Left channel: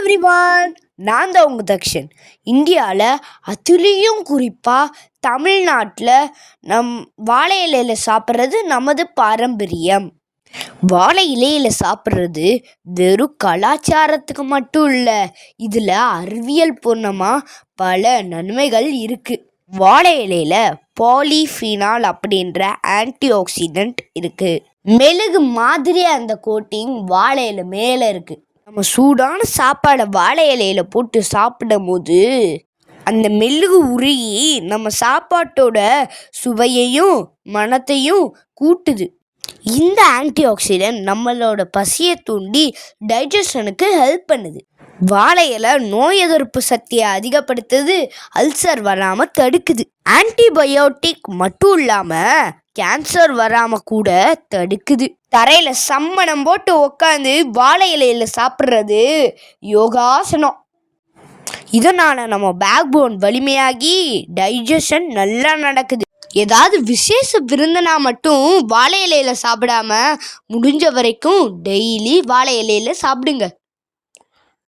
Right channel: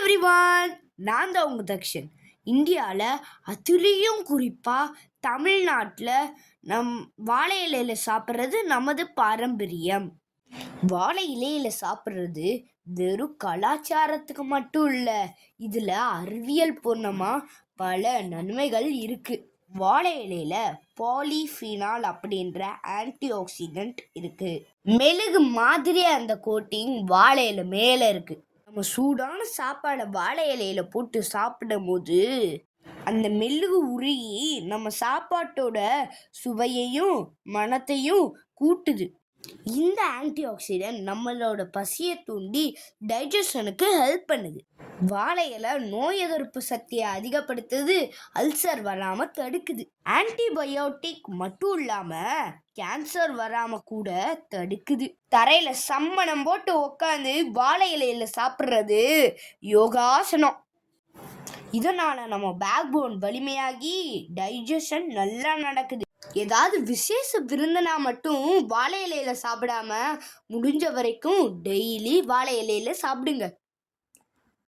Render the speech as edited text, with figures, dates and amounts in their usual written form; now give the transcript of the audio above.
Everyone, நான் தான் உங்கள் தக்ஷன். இந்தியாவில் அதுலேயும் குறிப்பாக தமிழ்நாட்டில் வாழை இலையில் சாப்பிட்றது நமது பாரம்பரியம். வாழை இலையில் சாப்பிட்றது வெறும் கலாச்சாரத்துக்கு மட்டும் இல்லை, இதில் அறிவியல் பூர்ணமாக பல நன்மைகள் இருக்குது. வாழை இலையில் பாலிஃபினால் அப்படின்ற ஆன்டி ஆக்சிடென்ட் இருக்குது. மெழுகு மாதிரி அந்த கோட்டிங் வாழை இலை மேலே இருக்குது. நம்ம சூடான சாப்பாடை வாழை இலையில போட்டு சாப்பிடும் போது அந்த மெழுகு உருகி நம்ம சாப்பாட்டோட சுவையையும் மணத்தையும் கூட்டுது. இந்த ஆன்டி ஆக்சிடென்ட் நம்மளோட பசியை தூண்டி டைஜஷனுக்கு ஹெல்ப் பண்ணுது. வாழை இலை நோய் எதிர்ப்பு சக்தியை அதிகப்படுத்துது, அல்சர் வராமல் தடுக்குது. ஆன்டிபயோட்டிக் மட்டும் இல்லாமல் கேன்சர் வராமல் கூட தடுக்குது. தரையில் சம்மணம் போட்டு உட்காந்து வாழை இலையில் சாப்பிட்றது யோகாசனம். இதனால் நம்ம பேக் போன் வலிமையாகி டைஜஷன் நல்லா நடக்குது. ஏதாவது விசேஷ விருந்தினா மட்டும் வாழை இலையில் சாப்பிடாம முடிஞ்ச வரைக்கும் டெய்லி வாழை இலையில் சாப்பிடுங்க.